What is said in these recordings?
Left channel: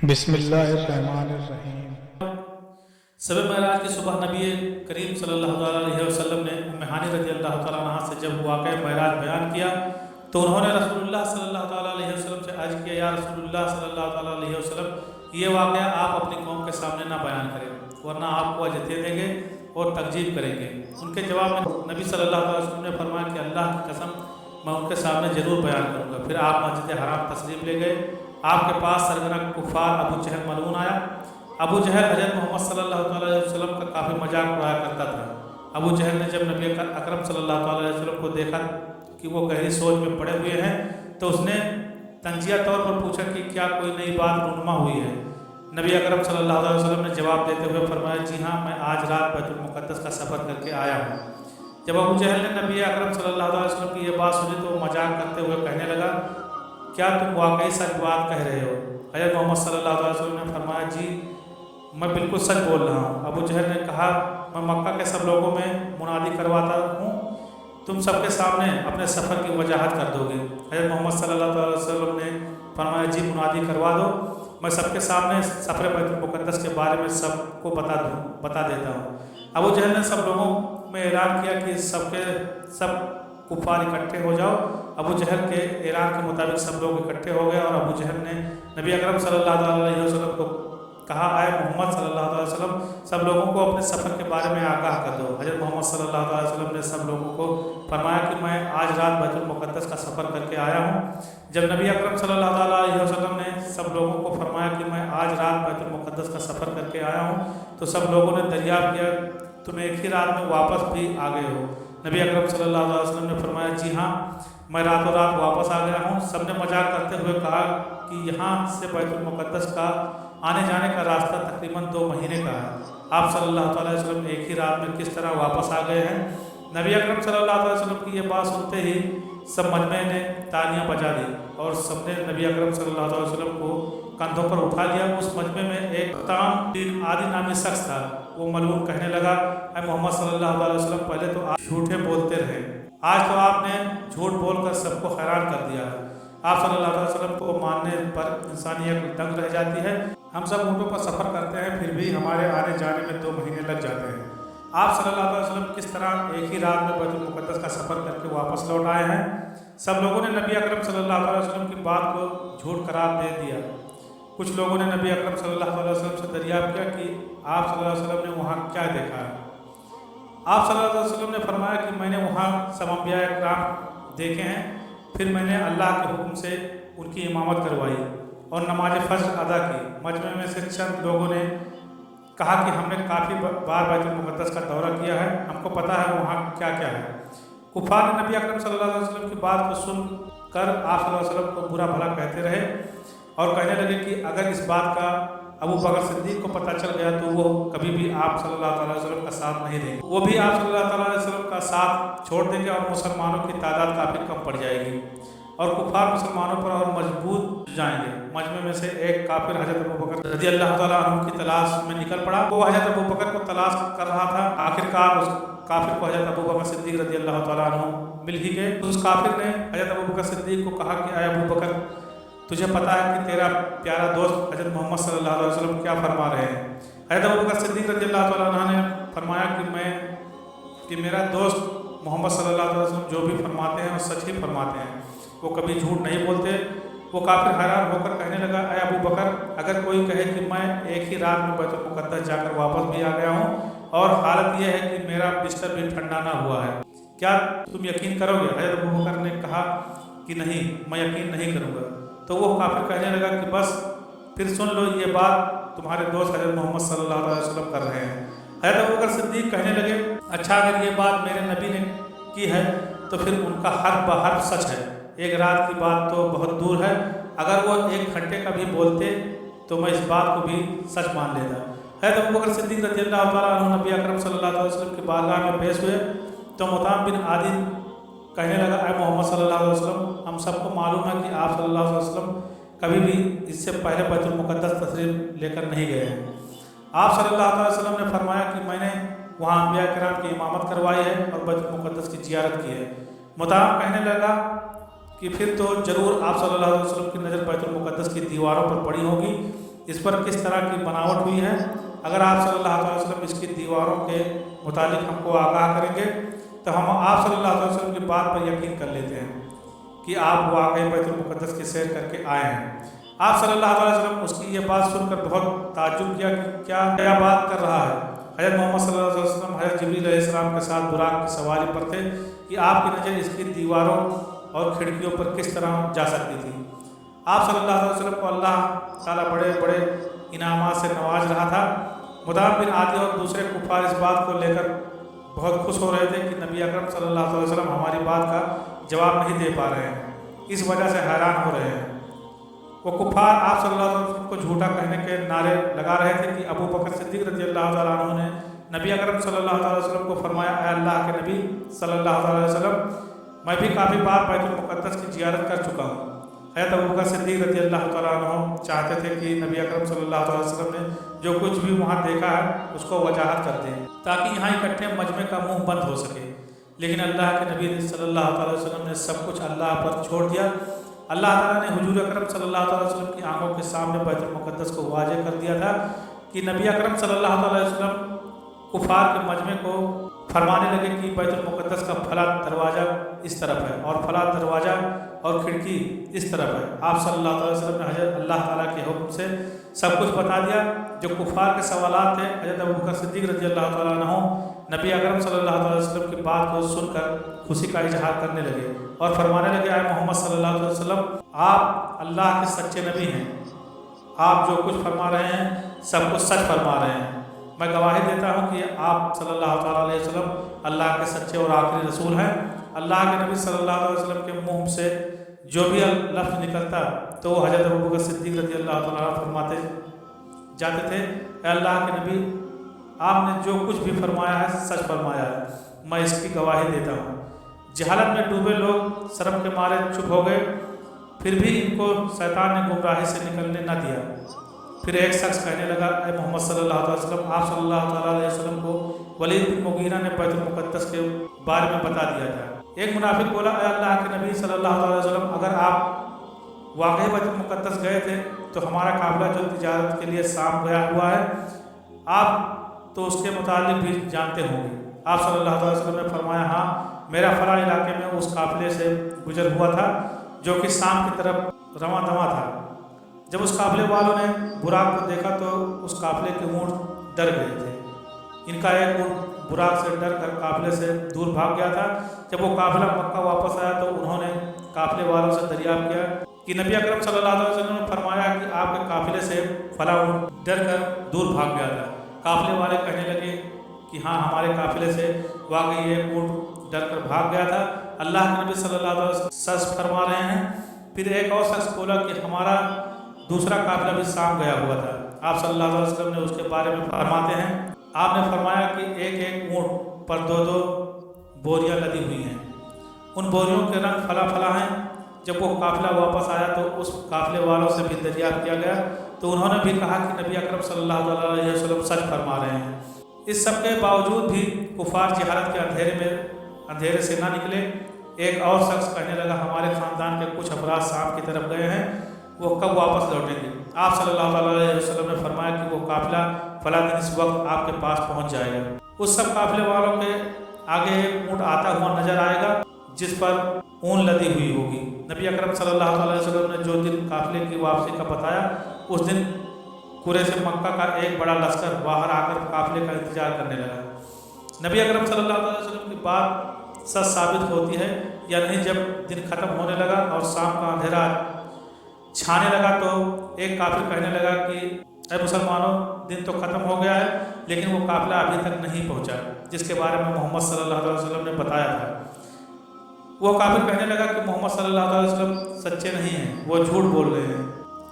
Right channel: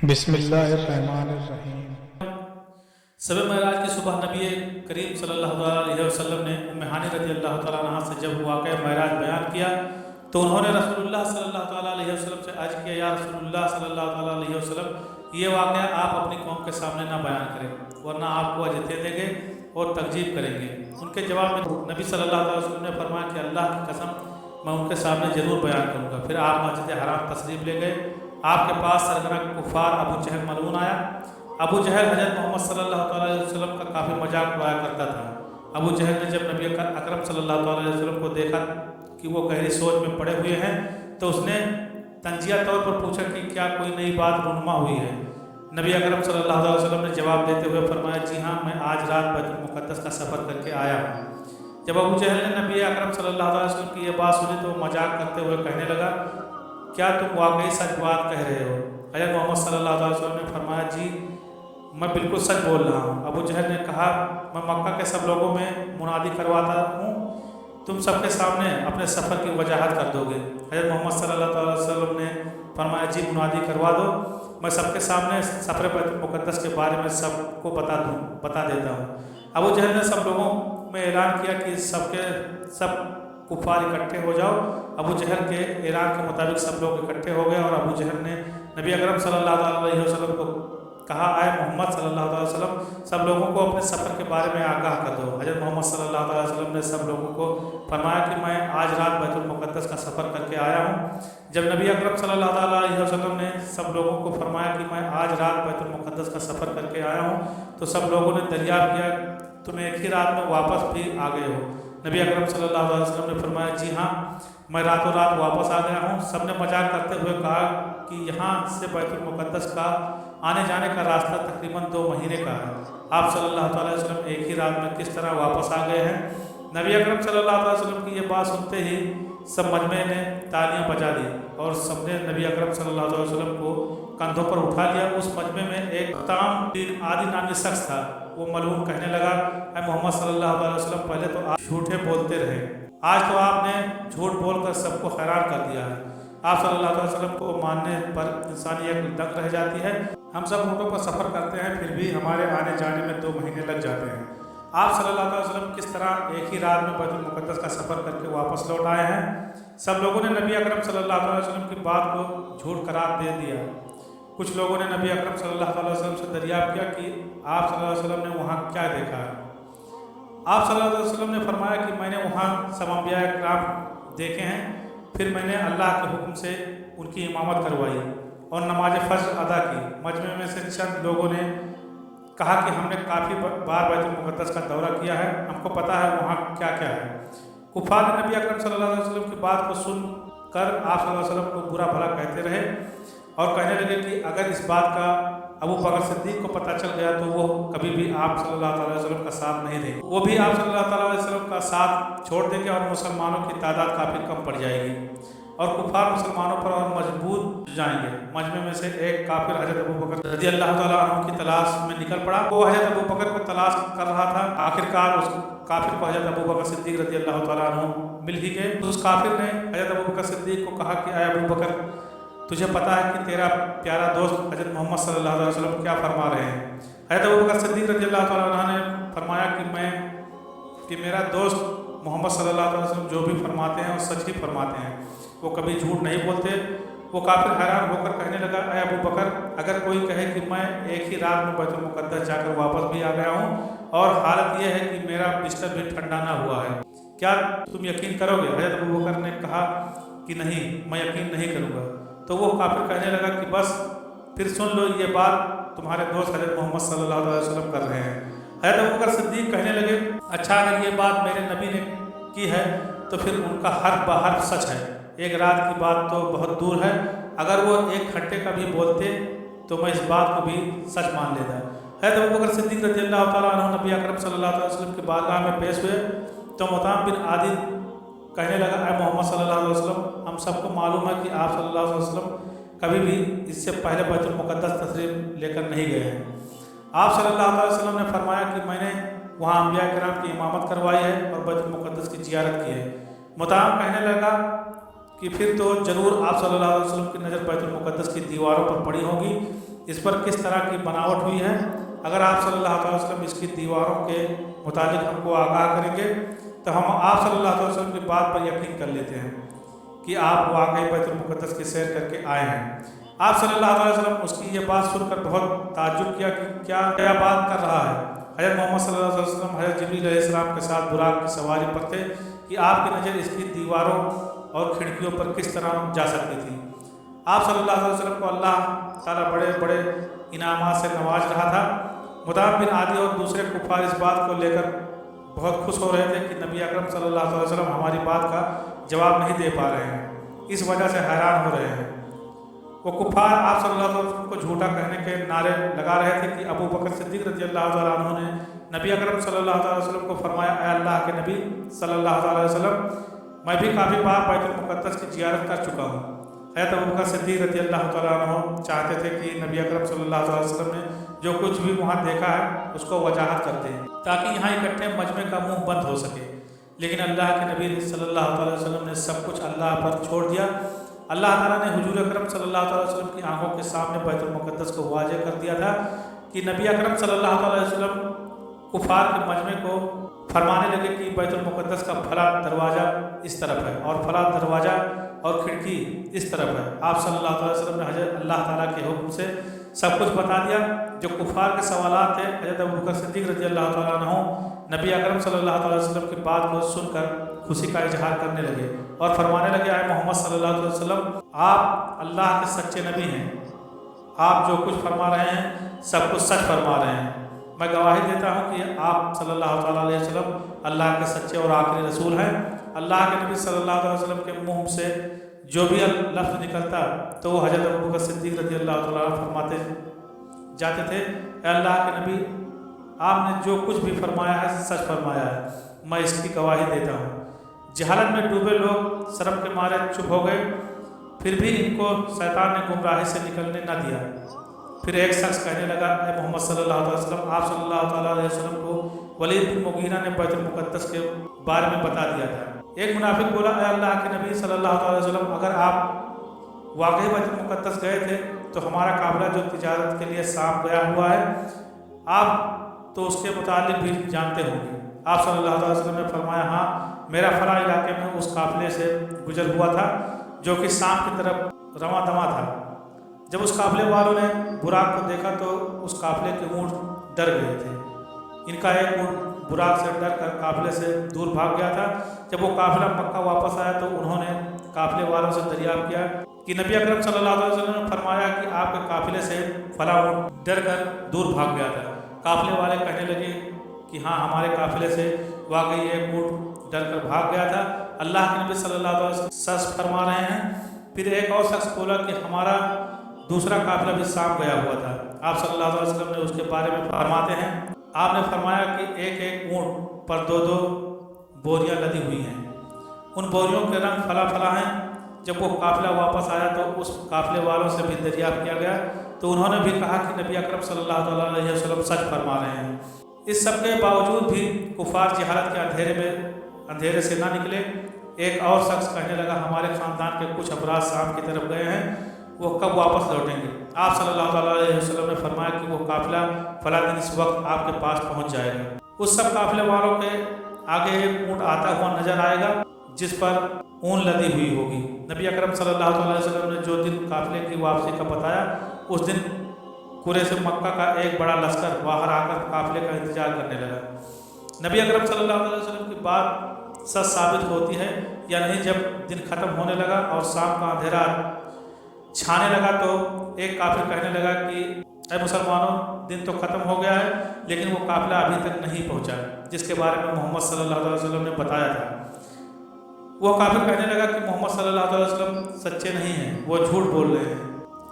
بسم اللہ الرحمن الرحیم۔ شب معراج کی صبح نبی کریم صلی اللہ علیہ وسلم نے ام ہانی رضی اللہ تعالیٰ عنہ سے جب واقعہ معراج بیان کیا تو انہوں نے رسول اللہ صلی اللہ تعالیٰ علیہ وسلم سے عرض کیا، یا رسول اللہ صلی اللہ تعالیٰ علیہ وسلم، یہ واقعہ آپ اپنی قوم کے سامنے نہ بیان کریں ورنہ آپ کو اذیتیں دیں گے اور تکذیب کریں گے۔ ان کے جواب میں نبی صلی اللہ علیہ وسلم نے فرمایا کہ اللہ کی قسم میں ان کے سامنے ضرور بیان کروں گا۔ پھر آپ مسجد حرام تشریف لے گئے۔ آپ کے پاس سرگنا کفار ابو جہل ملعون آیا۔ ابو جہل حضرت محمد صلی اللہ تعالیٰ علیہ وسلم کا کافی مذاق اڑایا کرتا تھا۔ ابو جہل نے جب نبی اکرم صلی اللہ تعالیٰ علیہ وسلم کو دیکھا کہ وہ گہری سوچ میں پڑے ہوئے ہیں تو اس نے تنزیہ طور پر پوچھا کہ کیا کوئی نئی بات رونما ہوئی ہے؟ نبی اکرم صلی اللہ علیہ وسلم نے جواب دیتے ہوئے فرمایا، جی ہاں، میں آج رات بیت المقدس کا سفر کر کے آیا ہوں۔ جب ابو جہل نے نبی اکرم صلی اللہ علیہ وسلم کی یہ بات سنی تو وہ مذاق کرتے ہوئے کہنے لگا، کیا تم واقعی سچ بات کہہ رہے ہو؟ حضرت محمد صلی اللہ علیہ وسلم نے فرمایا، جی میں بالکل سچ بول رہا ہوں۔ ابو جہل نے کہا، میں مکہ کے سب لوگوں میں منادی کرواتا ہوں، تم سب کے سامنے اپنے سفر کی وضاحت کر دو گے۔ حضرت محمد صلی اللہ علیہ وسلم نے فرمایا، جی منادی کروا دو، میں سب کے سامنے سفر بیت المقدس کے بارے میں سب کو بتا دیتا ہوں۔ ابو جہل نے سب لوگوں میں اعلان کیا کہ سب کفار اکٹھے ہو جاؤ۔ ابو جہل کے اعلان کے مطابق سب لوگ اکٹھے ہو گئے اور ابو جہل نے نبی اکرم صلی اللہ علیہ وسلم کو کہا، اے محمد صلی اللہ علیہ وسلم، سب لوگوں کو اپنے سفر کے بارے میں آگاہ کر دو۔ حضرت محمد صلی اللہ علیہ وسلم نے سب لوگوں کو فرمایا کہ میں آج رات بیت المقدس کا سفر کر کے آیا ہوں۔ جب نبی اکرم صلی اللہ علیہ وسلم نے سب لوگوں کو فرمایا کہ میں آج رات بیت المقدس کا سفر کر کے آیا ہوں تو سب لوگوں نے دریافت کیا، تم ایک ہی رات میں واپس بھی آ گئے ہو؟ نبی اکرم صلی اللہ علیہ وسلم نے فرمایا، جی ہاں، میں راتوں رات واپس آ گیا ہوں۔ سب نے مذاق کرتے ہوئے کہا کہ یہاں سے بیت المقدس کا آنے جانے کا راستہ تقریباً 2 مہینے کا ہے، آپ صلی اللہ تعالیٰ علیہ وسلم ایک ہی رات میں کس طرح واپس آ گئے ہیں؟ نبی اکرم صلی اللہ علیہ وسلم کی یہ بات سنتے ہی سب مجمع نے تالیاں بجا دی اور سب نے نبی اکرم صلی اللہ علیہ وسلم کو کندھوں پر اٹھا لیا۔ اس مجمع میں ایک تام بن عادی نامی شخص تھا۔ وہ ملعون کہنے لگا، اے محمد صلی اللہ علیہ وسلم، پہلے تو آپ جھوٹے بولتے رہے، آج تو آپ نے جھوٹ بول کر سب کو حیران کر دیا ہے۔ آپ صلی اللہ علیہ وسلم کو ماننے پر انسانی عقل دنگ رہ جاتی ہے۔ ہم سب اونٹوں پر سفر کرتے ہیں، پھر بھی ہمارے آنے جانے میں 2 مہینے لگ جاتے ہیں۔ آپ صلی اللہ علیہ وسلم کس طرح ایک ہی رات میں بیت المقدس کا سفر کر کے واپس لوٹ آئے ہیں؟ سب لوگوں نے نبی اکرم صلی اللہ علیہ وسلم کی بات کو جھوٹ قرار دے دیا۔ کچھ لوگوں نے نبی اکرم صلی اللہ علیہ وسلم سے دریافت کیا کہ آپ صلی اللہ علیہ وسلم نے وہاں کیا دیکھا ہے؟ آپ صلی اللہ علیہ وسلم نے فرمایا کہ میں نے وہاں سب انبیاء اکرام دیکھے ہیں، پھر میں نے اللہ کے حکم سے ان کی امامت کروائی اور نماز فجر ادا کی۔ مجمع میں سے چند لوگوں نے کہا کہ ہم نے کافی بار بیت المقدس کا دورہ کیا ہے، ہم کو پتہ ہے وہاں کیا کیا ہے۔ کفار نے نبی اکرم صلی اللہ علیہ وسلم کی بات کو سن کر آپ صلی اللہ علیہ وسلم کو برا بھلا کہتے رہے اور کہنے لگے کہ اگر اس بات کا ابو بکر صدیق کو پتہ چل گیا تو وہ کبھی بھی آپ صلی اللہ تعالیٰ علیہ وسلم کا ساتھ نہیں دیں گے، وہ بھی آپ صلی اللہ تعالیٰ علیہ وسلم کا ساتھ چھوڑ دیں گے اور مسلمانوں کی تعداد کافی کم پڑ جائے گی اور کفار مسلمانوں پر اور مضبوط جائیں گے۔ مجمع میں سے ایک کافر حضرت ابو بکر رضی اللہ تعالیٰ عنہ کی تلاش میں نکل پڑا۔ وہ حضرت ابو بکر کو تلاش کر رہا تھا۔ آخرکار اس کافر کو حضرت ابو بکر صدیق رضی اللہ تعالیٰ عنہ مل ہی گئے۔ اس کافر نے حضرت ابو بکر صدیق کو کہا کہ اے ابو بکر، تجھے پتہ ہے کہ تیرا پیارا دوست حضرت محمد صلی اللہ علیہ وسلم کیا فرما رہے ہیں؟ حضرت ابو بکر صدیق رضی اللہ تعالیٰ عنہ نے فرمایا کہ میرا دوست محمد صلی اللہ علیہ وسلم جو بھی فرماتے ہیں وہ سچ ہی فرماتے ہیں، وہ کبھی جھوٹ نہیں بولتے۔ وہ کافر حیران ہو کر کہنے لگا، اے ابو بکر، اگر کوئی کہے کہ میں ایک ہی رات میں بیت المقدس جا کر واپس بھی آ گیا ہوں اور حالت یہ ہے کہ میرا بستر بھی ٹھنڈا نہ ہوا ہے، کیا تم یقین کرو گے؟ حضرت ابو بکر نے کہا کہ نہیں، میں یقین نہیں کروں گا۔ تو وہ کافر کہنے لگا کہ بس پھر سن لو، یہ بات تمہارے دوست حضرت محمد صلی اللہ علیہ وسلم کر رہے ہیں۔ حضرت ابوبکر صدیق کہنے لگے، اچھا، اگر یہ بات میرے نبی نے کی ہے تو پھر ان کا حرف بحرف سچ ہے، ایک رات کی بات تو بہت دور ہے، اگر وہ 1 گھنٹے کا بھی بولتے تو میں اس بات کو بھی سچ مان لیتا۔ حضرت ابوبکر صدیق رضی اللہ تعالیٰ عنہ نبی اکرم صلی اللہ علیہ وسلم کی بارگاہ میں پیش ہوئے تو مطعم بن عادی کہنے لگا، اے محمد صلی اللہ علیہ وسلم، ہم سب کو معلوم ہے کہ آپ صلی اللہ علیہ وسلم کبھی بھی اس سے پہلے بیت المقدس تشریف لے کر نہیں گئے ہیں۔ آپ صلی اللہ علیہ وسلم نے فرمایا کہ میں نے وہاں انبیاء کرام کی امامت کروائی ہے اور بیت المقدس کی زیارت کی ہے۔ مطعم کہنے لگا کہ پھر تو ضرور آپ صلی اللہ علیہ وسلم کی نظر بیت المقدس کی دیواروں پر پڑی ہوگی، इस पर किस तरह की बनावट हुई है। अगर आप सल्लल्लाहु अलैहि वसल्लम इसकी दीवारों के मुतालिक हमको आगाह करेंगे तो हम आप सल्लल्लाहु अलैहि वसल्लम की बात पर यकीन कर लेते हैं कि आप वाकई बैतुल मुक़द्दस की सैर करके आए हैं। आप सल्लल्लाहु अलैहि वसल्लम उसकी ये बात सुनकर बहुत ताज्जुब किया कि क्या बात कर रहा है। हज़रत मोहम्मद सल्लल्लाहु अलैहि वसल्लम हज़रत जिब्रील अलैहिस्सलाम के साथ बुराक की सवारी पर थे कि आपकी नज़र इसकी दीवारों और खिड़कियों पर किस तरह जा सकती थी। आप सल्लल्लाहु अलैहि वसल्लम को अल्लाह ताला बड़े बड़े इनामात से नवाज रहा था। मुदाम बिन आदि और दूसरे कुफार इस बात को लेकर बहुत खुश हो रहे थे कि नबी अकरम सल्लल्लाहु अलैहि वसल्लम हमारी बात का जवाब नहीं दे पा रहे हैं, इस वजह से हैरान हो रहे हैं। वो कुफार आप सल्लल्लाहु अलैहि वसल्लम को झूठा कहने के नारे लगा रहे थे कि अबू बकर सिद्दीक़ रज़ियल्लाहु तआला अन्हु ने नबी अकरम सल्लल्लाहु अलैहि वसल्लम को फरमाया, ऐ अल्लाह के नबी सल्लल्लाहु अलैहि वसल्लम, मैं भी काफ़ी बार बैतुल मुक़द्दस की ज़ियारत कर चुका हूँ। हज़रत अबू बकर सिद्दीक़ रज़ियल्लाहु तआला अन्हु चाहते थे कि नबी अकरम सल्लल्लाहु अलैहि वसल्लम ने जो कुछ भी वहाँ देखा है उसको वजाहत कर दें ताकि यहाँ इकट्ठे मजमे का मुंह बंद हो सके। लेकिन अल्लाह के नबी सल्लल्लाहु अलैहि वसल्लम ने सब कुछ अल्लाह पर छोड़ दिया। अल्लाह ताला ने हुजूर अकरम सल्लल्लाहु अलैहि वसल्लम की आंखों के सामने बैतुल मुक़द्दस को वाज़ेह कर दिया था कि नबी अकरम सल्लल्लाहु अलैहि वसल्लम कुफार के मजमे को फरमाने लगे कि बैतुल मुक़द्दस का फला दरवाज़ा इस तरफ है और फला दरवाज़ा और खिड़की इस तरफ है। आप सल्लल्लाहु अलैहि वसल्लम ने हज़रत अल्लाह ताला के हुक्म से सब कुछ बता दिया। जो कुफार के सवालात थे, हज़रत अबू बकर सिद्दीक़ रज़ियल्लाहु तआला अन्हु नबी अकरम सल्लल्लाहु अलैहि वसल्लम की बात को सुनकर खुशी का इजहार करने लगे और फरमाने लगे, आए मोहम्मद सल्लल्लाहु अलैहि वसल्लम, आप अल्लाह के सच्चे नबी हैं। आप जो कुछ फरमा रहे हैं सब कुछ सच फरमा रहे हैं। मैं गवाही देता हूँ कि आप सल्लल्लाहु तआला अलैहि वसल्लम अल्लाह के सच्चे और आखिरी रसूल हैं। अल्लाह के नबी सल्लल्लाहु अलैहि वसल्लम के मुँह से जो भी लफ्ज़ निकलता तो वो हज़रत अबू बकर सिद्दीक़ रज़ियल्लाहु तआला अन्हु फरमाते जाते थे, अल्लाह के नबी, आपने जो कुछ भी फरमाया है सच फरमाया है, मैं इसकी गवाही देता हूँ। जहालत में डूबे लोग शर्म के मारे चुप हो गए, फिर भी इनको शैतान ने गुमराही से निकलने न दिया। फिर एक शख्स कहने लगा, ऐ मोहम्मद सल्लल्लाहु अलैहि वसल्लम, आप सल्लल्लाहु अलैहि वसल्लम को वलीद बिन मुगीरा ने बैतुल मुक़द्दस के बारे में बता दिया था। एक मुनाफिक बोला, ऐ अल्लाह के नबी सल्लल्लाहु अलैहि वसल्लम, अगर आप वाकई बैतुल मुक़द्दस गए थे तो हमारा काफ़िला जो तिजारत के लिए शाम गया हुआ है, आप तो उसके मुतालिक भी जानते होंगे। आप सल्लल्लाहु अलैहि वसल्लम ने फरमाया, हाँ, मेरा फला इलाके में उस काफ़िले से गुजर हुआ था जो कि शाम की तरफ रवां दवा था। जब उस काफ़िले वालों ने बुराक को देखा तो उस काफ़िले के ऊँट डर गए थे। इनका एक ऊँट बुराक से डर कर काफ़िले से दूर भाग गया था। जब वो काफ़िला मक्का वापस आया तो उन्होंने काफ़िले वालों से दरियाफ्त किया कि नबी अकरम सल्लल्लाहु अलैहि वसल्लम ने फरमाया कि आपके काफ़िले से फला ऊँट डर कर दूर भाग गया था। काफ़िले वाले कहने लगे कि हाँ, हमारे काफ़िले से वाकई एक ऊँट डर कर भाग गया था। अल्लाह के नबी सल्लल्लाहु अलैहि वसल्लम सच फरमा रहे हैं। फिर एक और शख्स बोला कि हमारा दूसरा काफ़िला भी शाम गया हुआ था। आप सल्लल्लाहु अलैहि वसल्लम ने उसके बारे में फरमाते हैं, आपने फरमाया कि एक एक ऊँट पर दो दो बोरियां लदी हुई हैं, उन बोरियों के रंग फला फला हैं। जब वो काफ़िला वापस आया तो उस काफ़िले वालों से भी दरियाफ्त किया गया तो उन्होंने भी कहा कि नबी अकरम सल्लल्लाहु अलैहि वसल्लम सच फरमा रहे हैं। इस सब के बावजूद भी कुफार जहालत के अंधेरे से ना निकले। एक और शख्स कहने लगा, हमारे ख़ानदान के कुछ अफराद शाम की तरफ गए हैं, वो कब वापस लौटेंगे। आप सल्लल्लाहु अलैहि वसल्लम ने फरमाया कि वो काफ़िला फला दिन इस वक्त आपके पास पहुंच जाएगा। उस सब काफ़िले वालों के आगे एक ऊँट आता हुआ नजर आएगा जिस पर ऊन लदी हुई होगी। नबी अकरम सल्लल्लाहु अलैहि वसल्लम ने जो दिन काफ़िले की वापसी का बताया, उस दिन कुरैश मक्का का एक बड़ा लश्कर बाहर आकर काफ़िले का इंतजार करने लगा। नबी अकरम सल्लल्लाहु अलैहि वसल्लम की बात सच साबित होती है या नहीं। जब दिन ख़त्म होने लगा और शाम का अंधेरा छाने लगा तो एक काफिर कहने लगा कि ऐ मुसलमानों, दिन तो ख़त्म हो गया है लेकिन वो काफ़िला अभी तक नहीं पहुंचा जिसके बारे में मोहम्मद सल्लल्लाहु अलैहि वसल्लम ने बताया था। वो काफिर कहने लगा कि मोहम्मद सल्लल्लाहु अलैहि वसल्लम सच्चे नहीं हैं, वो झूठ बोल रहे हैं,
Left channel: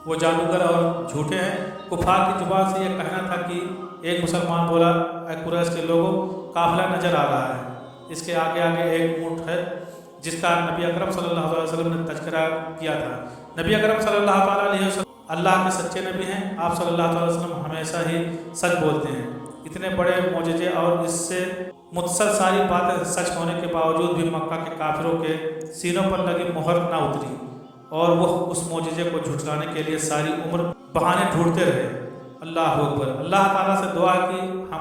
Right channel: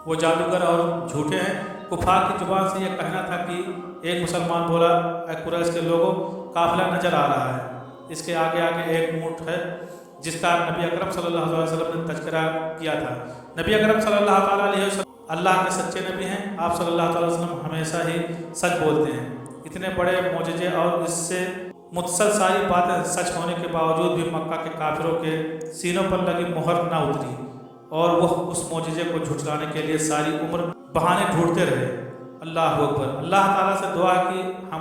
वो जादूगर और झूठे हैं। कुफार की जुबान से यह कहना था कि एक मुसलमान बोला, ऐ कुरैश के लोगों, काफ़िला नज़र आ रहा है, इसके आगे आगे एक ऊँट है जिसका नबी अकरम सल्लल्लाहु अलैहि वसल्लम ने तज़किरा किया था। नबी अकरम सल्लल्लाहु अलैहि वसल्लम अल्लाह के सच्चे नबी हैं। आप सल्लल्लाहु अलैहि वसल्लम हमेशा ही सच बोलते हैं। इतने बड़े मौजज़े और इससे मुत्सल सारी बातें सच होने के बावजूद भी मक्का के काफिरों के सीनों पर लगी मुहर ना उतरी। اور وہ اس معجزے کو جھٹلانے کے لیے ساری عمر بہانے ڈھونڈتے رہے۔ اللہ اکبر۔ اللہ تعالیٰ سے دعا کی ہم